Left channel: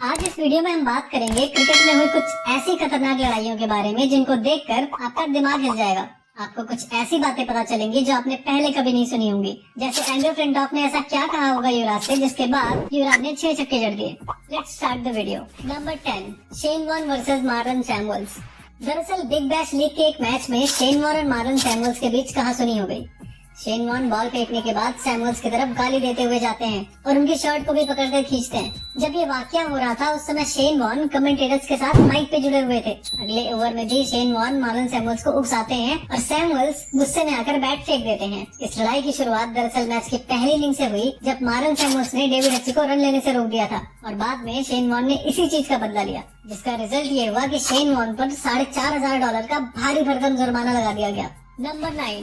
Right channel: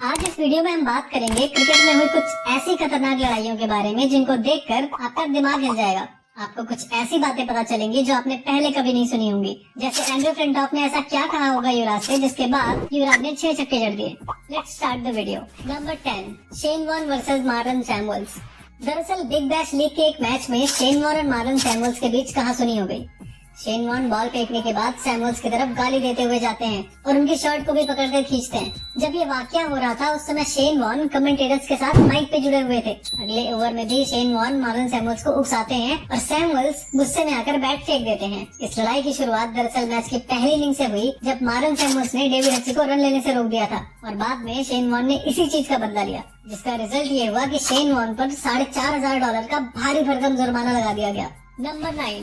आज इस वीडियो में हम बात करेंगे क्रिकेट में हुई कुछ ऐसी खतरनाक लड़ाइयों के बारे में जिनको देखकर आपका दिमाग हिल जाएगा। आपको कुछ ऐसी बातें पता चलेंगी जो आपने पहले कभी नहीं सुनी होंगी। जैसे रैंडल फ्लिंटॉफ ने ऐसा क्या कहा होगा युवराज से जिसके बाद युवराज ने 6 छक्के जड़ दिए। Let's start the video. Number 10, Shane Warne versus Marlon Samuels. दरअसल बिग बैश लीग के एक मैच में शेन वॉर्न और मार्लन सैमुअल्स के बीच कहासुनी हो गई। शेन वॉर्न बॉल फेंकने के बाद सैमुअल्स की तरफ गाली देते हुए जाते हैं और उनकी शर्ट को भी पकड़कर खींचते हैं। जब ये वाकया हो रहा था उस समय शेन वॉर्न कमेंटेटर्स के साथ माइक पे जुड़े हुए थे। अगले ओवर में भी शेन वॉर्न मार्लन सैमुअल्स को उकसाते हैं और सैमुअल्स गुस्से में आकर बैट फेंक देते हैं। इस लड़ाई की शुरुआत दरअसल मैच के पहले इनिंग से हुई जब मार्लन सैमुअल्स ने डेविड रसी को रन लेने से रोक दिया था और बाद में शेन वॉर्न ने इसी चीज का बदला लिया, जिसका रिजल्ट ये हुआ कि शेन वॉर्न पर $4,500 का भारी भरकम जुर्माना लगा दिया गया। Number 9,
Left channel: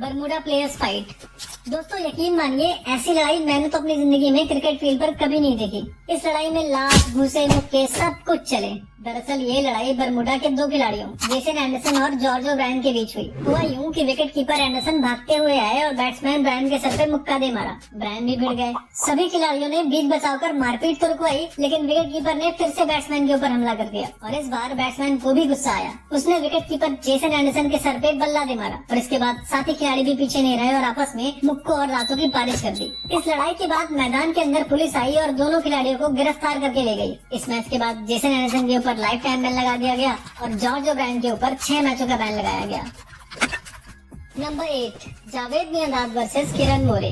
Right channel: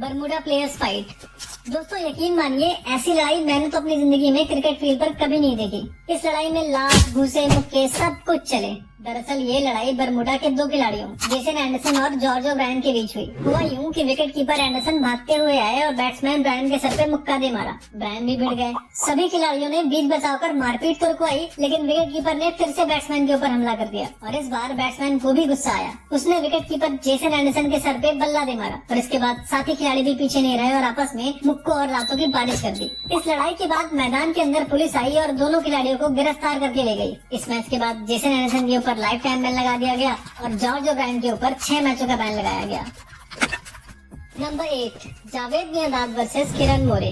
Bermuda players fight. दोस्तों यकीन मानिए ऐसी लड़ाई मैंने तो अपनी जिंदगी में क्रिकेट फील्ड पर कभी नहीं देखी। इस लड़ाई में लात, घूंसे, मुक्के सब कुछ चले। दरअसल ये लड़ाई बरमुडा के दो खिलाड़ियों जेसन एंडरसन और जॉर्ज ओब्रायन के बीच हुई। हुआ यूं कि विकेट कीपर एंडरसन भागते हुए आए और बैट्समैन ब्रायन के सर पे मुक्का दे मारा। ब्रायन भी भिड़ गए। सभी खिलाड़ियों ने बीच बचाकर मारपीट तो रुकवाई, लेकिन विकेट कीपर ने फिर से बैट्समैन के ऊपर हमला कर दिया और इस बार बैट्समैन को भी गुस्सा आया। उसने विकेट कीपर जेसन एंडरसन के सर पे बल्ला दे मारा और इसके बाद साथी खिलाड़ी भी पीछे नहीं रहे और आपस में मुक्कों और लातों की बारिश कर दी। इस लड़ाई के बाद मैदान के अंदर पुलिस आई और दोनों खिलाड़ियों को गिरफ्तार करके ले गई। इस मैच के बाद जेसन एंडरसन के ऊपर लाइफ टाइम बैन लगा दिया गया और जॉर्ज ओब्रायन के ऊपर 6 मैचों का बैन लगाया गया। Number 8, Javed Miandad versus Kiran More.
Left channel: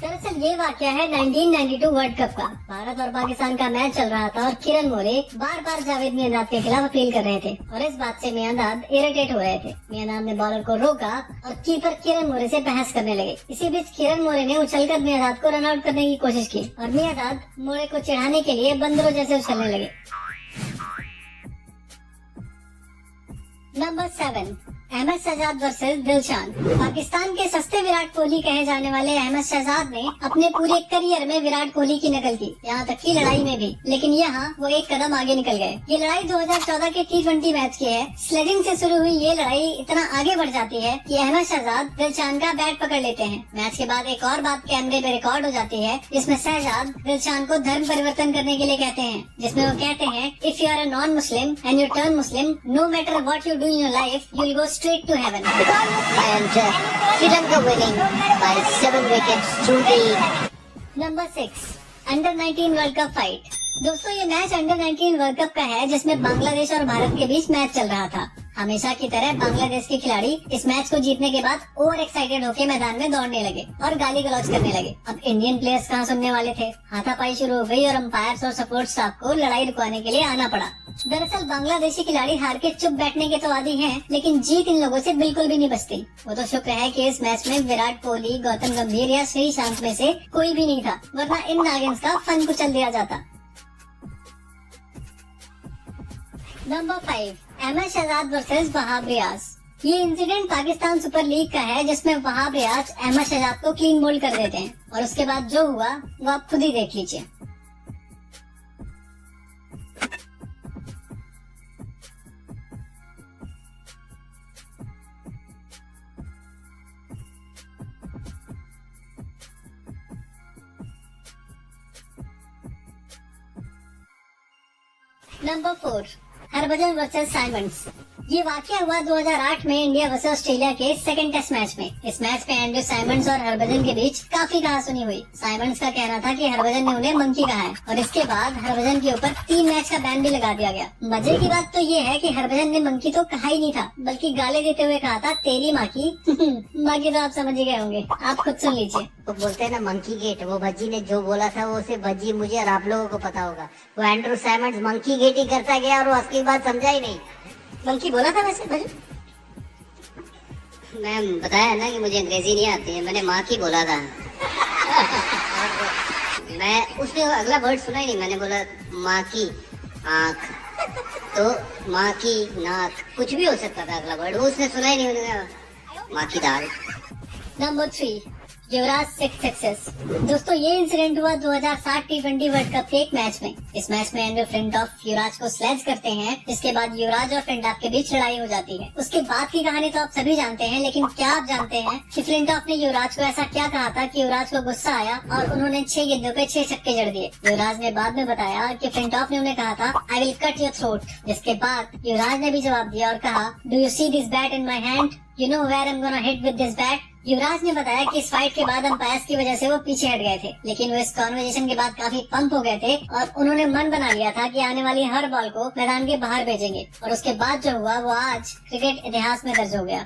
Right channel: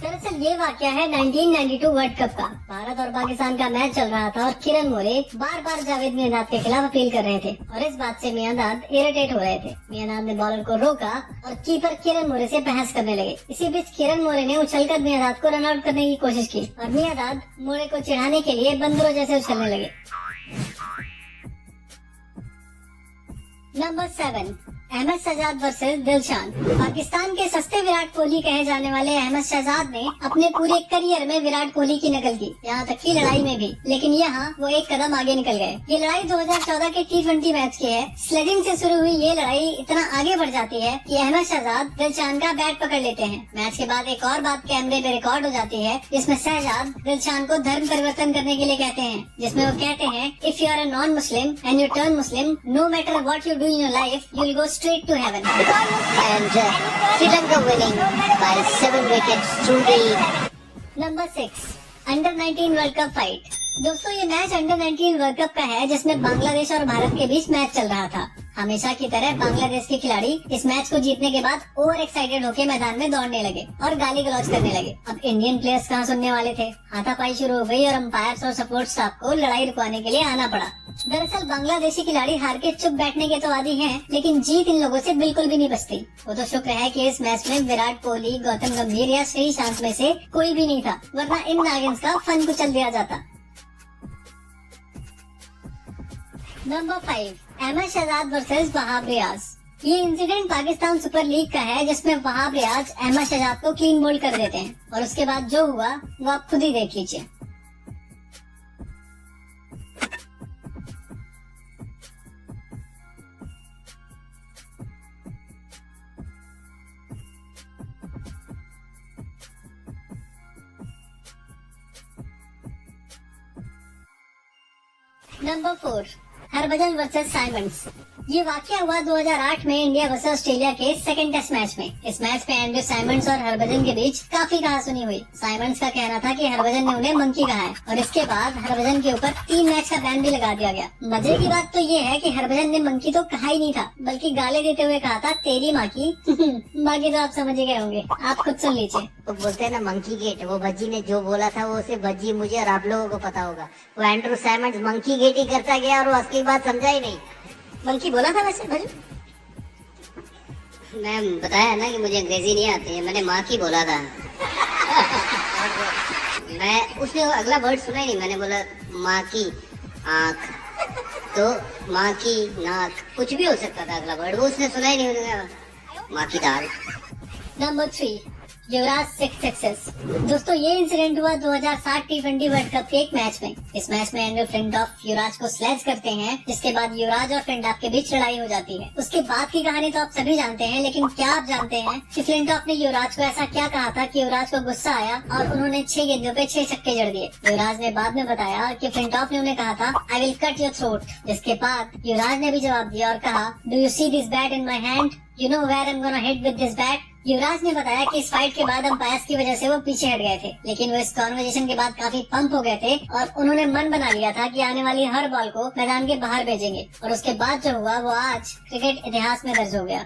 दरअसल ये वाकया है 1992 वर्ल्ड कप का। भारत और पाकिस्तान का मैच चल रहा था और किरण मोरे बार बार जावेद मियांदाद के खिलाफ अपील कर रहे थे और इस बात से मियांदाद इरिटेट हो रहे थे। मियांदाद ने बॉलर को रोका और कीपर किरण मोरे से बहस करने लगे। इसी बीच किरण मोरे ने उछलकर मियांदाद को रन आउट करने की कोशिश की और मियांदाद मोरे को चिढ़ाने के लिए बंदरों जैसे उछलने लगे। Number 7, Ahmed Shehzad versus Dilshan. पाकिस्तान के सस्ते विराट कोहली कहे जाने वाले अहमद शहजाद ने अपने पूरे करियर में विराट कोहली की नकल की, यहाँ तक की लड़ाई में भी, लेकिन यहाँ वो एक कदम आगे निकल गए। ये लड़ाई 2014 के T20 मैच की है। स्लेजिंग से शुरू हुई ये लड़ाई इतना आगे बढ़ जाती है कि अहमद शहजाद दिलशान का बैट पकड़ लेते हैं। मैच के बाद एक और बात कैमरे में रिकॉर्ड हो जाती है जिसमें शहजाद दिलशान को धर्म परिवर्तन करने के लिए कहते हैं, जिसमें वो कहते हैं if you are a non Muslim and you turn Muslim, no matter what you do in your life, you will go straight to heaven. And Sri Lanka winning by 7 wickets to 3. Number 6, Under 19 World Cup fight. दोस्तों ये match Under 19 world cup का है जिसमें बांग्लादेश और भारत के बीच match चल रहा था। हमेशा की तरह बांग्लादेश के खिलाड़ी इस मैच को जीतने के बाद ओवर एक्साइटेड होकर मैदान में दौड़ने लगे और गाली गलौज करने लगे। अब इंडियन प्लेयर्स कहाँ सुनने वाले थे। हाथापाई शुरू हो गई और अंपायर्स और सपोर्ट स्टाफ को लड़ाई रुकवाने के लिए आना पड़ा। दरअसल बांग्लादेशी खिलाड़ी हार के चुप बैठने के तो आदी हैं, लेकिन जीत इन लोगों से बिल्कुल भी नहीं बचती। वो तो शुक्र है कि इस मैच में विराट कोहली, गौतम गंभीर या श्रीशांत में से कोई भी नहीं था, वरना इन नागिन्स का फन कुचल दिया जाता। Number 5, Ahmad Shehzad versus Wahab Riaz. ये इंसिडेंट पाकिस्तान सुपर लीग का है जिसमें वहाब रियाज अहमद शहजाद को क्लीन बोल्ड कर देते हैं और उसके बाद जो हुआ वो आप खुद ही देख लीजिए। Number 4, Harbhajan versus Symonds. ये वाकया हुआ 2008 में इंडिया वर्सेस ऑस्ट्रेलिया के सेकंड टेस्ट मैच में। इस मैच में एंड्रयू साइमंड्स और हरभजन के बीच काफी कहासुनी हुई। साइमंड्स का कहना था कि हरभजन ने उन्हें मंकी कहा है और इसके बाद हरभजन के ऊपर 3 मैच का बैन भी लगा दिया गया। मजे की बात तो ये है कि हरभजन ने मंकी तो कहा ही नहीं था, बल्कि गाली देते हुए कहा था तेरी माँ की। बाकी तो आप समझ ही गए होंगे, आप खुद सुन लीजिए। तो बोलते हैं ना मंकी गेट, वो भज्जी ने जो बोला था वो सिर्फ भज्जी, मुझे और आप लोगों को पता होगा। वो एंड्रू साइमंड्स मंकी गेट ही करता गया और वो असली बात समझा ही नहीं। मंकी बोला था वैसे भजन? मैम बताया ना कि मुझे अंग्रेजी नहीं आती है, मैंने माँ की बोला था। मैं उसने अगला वर्ड सुना ही नहीं, मैंने बोला माँ की आँख, तो माँ की नाक, कुछ भी हो सकता था अगला वर्ड, वो उसने सुना ही नहीं। मैंने कहा माँ की दाल। नंबर 3, युवराज 6 सक्सेस। दोस्तों ये इंसिडेंट हुआ 2007 T20 वर्ल्ड कप के एक मैच में। इस मैच में एंड्रू फ्लिंटॉफ युवराज को स्लैश करते हैं, जिसके बाद युवराज और फ्लिंटॉफ के बीच लड़ाई हो जाती है। उसके बाद की कहानी तो आप सभी जानते हैं, लेकिन क्या आप जानते हैं कि फ्लिंटॉफ ने युवराज को ऐसा क्या कहा था कि युवराज को गुस्सा आया और उन्होंने 6 गेंदों पे 6 छक्के जड़ दिए। युवराज ने बाद में बताया कि फ्लिंटॉफ ने उन्हें कहा था I will cut your throat. जिसके बाद युवराज ने भी जवाब दिया और कहा do you see this bat in my hand, you know where I am gonna hit with this bat. Yuvraj ने बताया कि इस फाइट के बाद अंपायर्स की वजह से वो पीछे हट गए थे, लेकिन वो इस कॉन्वर्सेशन के बाद काफी पंप हो गए थे और उन्होंने मन बना लिया था कि आने वाली हर बॉल को मैदान के बाहर भेजेंगे। और उसके बाद जो हुआ वो आज क्रिकेट इतिहास में दर्ज हो गया।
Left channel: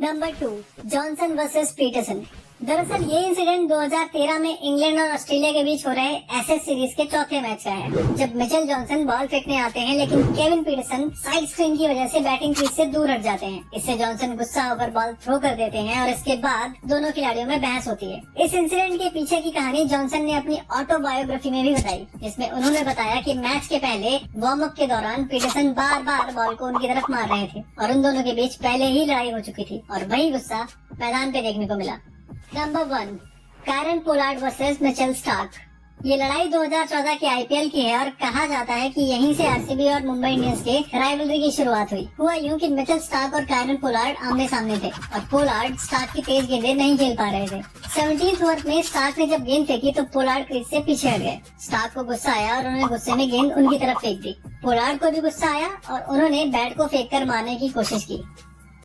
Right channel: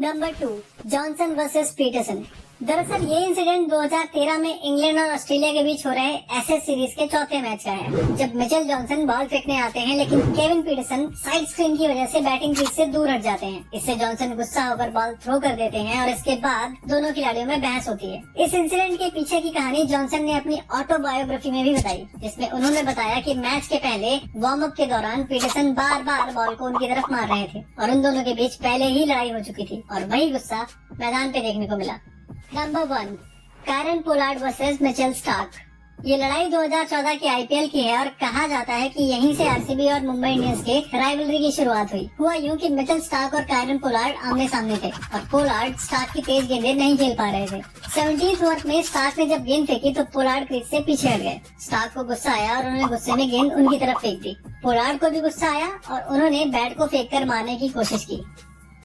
Number 2, Johnson versus Peterson. दरअसल ये इंसिडेंट 2013 में इंग्लैंड और ऑस्ट्रेलिया के बीच हो रहे एशेज सीरीज के चौथे मैच का है, जब मिचेल जॉनसन बॉल फेंकने आते हैं, लेकिन केविन पीटरसन साइड स्पिन की वजह से बैटिंग क्रीज से दूर हट जाते हैं। इससे जॉनसन गुस्सा होकर बॉल थ्रो कर देते हैं और इसके बाद दोनों खिलाड़ियों में बहस होती है। इस इंसिडेंट के पीछे की कहानी जॉनसन ने अपनी ऑटोबायोग्राफी में भी बताई, जिसमें उन्होंने बताया कि मैच के पहले वार्म अप के दौरान पीटरसन बार बार बॉल को उनकी तरफ मार रहे थे और उन दोनों के बीच पहले ही लड़ाई हो चुकी थी और वही गुस्सा मैदान पे देखने को मिला। Number 1, Kieron Pollard versus Mitchell Starc. ये लड़ाई 2014 के आईपीएल की है और कहा जाता है कि यहीं से आरसीबी और मुंबई इंडियंस के राइवलरी की शुरुआत हुई। हुआ यूं कि मिचेल स्टार्क और कैरन पोलार्ड आमने सामने थे और पोलार्ड स्टार्क की तेज गेंदें नहीं खेल पा रहे थे। 17th ओवर में स्टार्क ने जब गेंद फेंकी तो पोलार्ड क्रीज से पीछे हट गए। स्टार्क को गुस्सा आया और उन्होंने गुस्से में गेंद उनकी तरफ फेंक दी। पोलार्ड को भी गुस्सा आया और उन्होंने बैट को फेंक कर मारने की कोशिश की।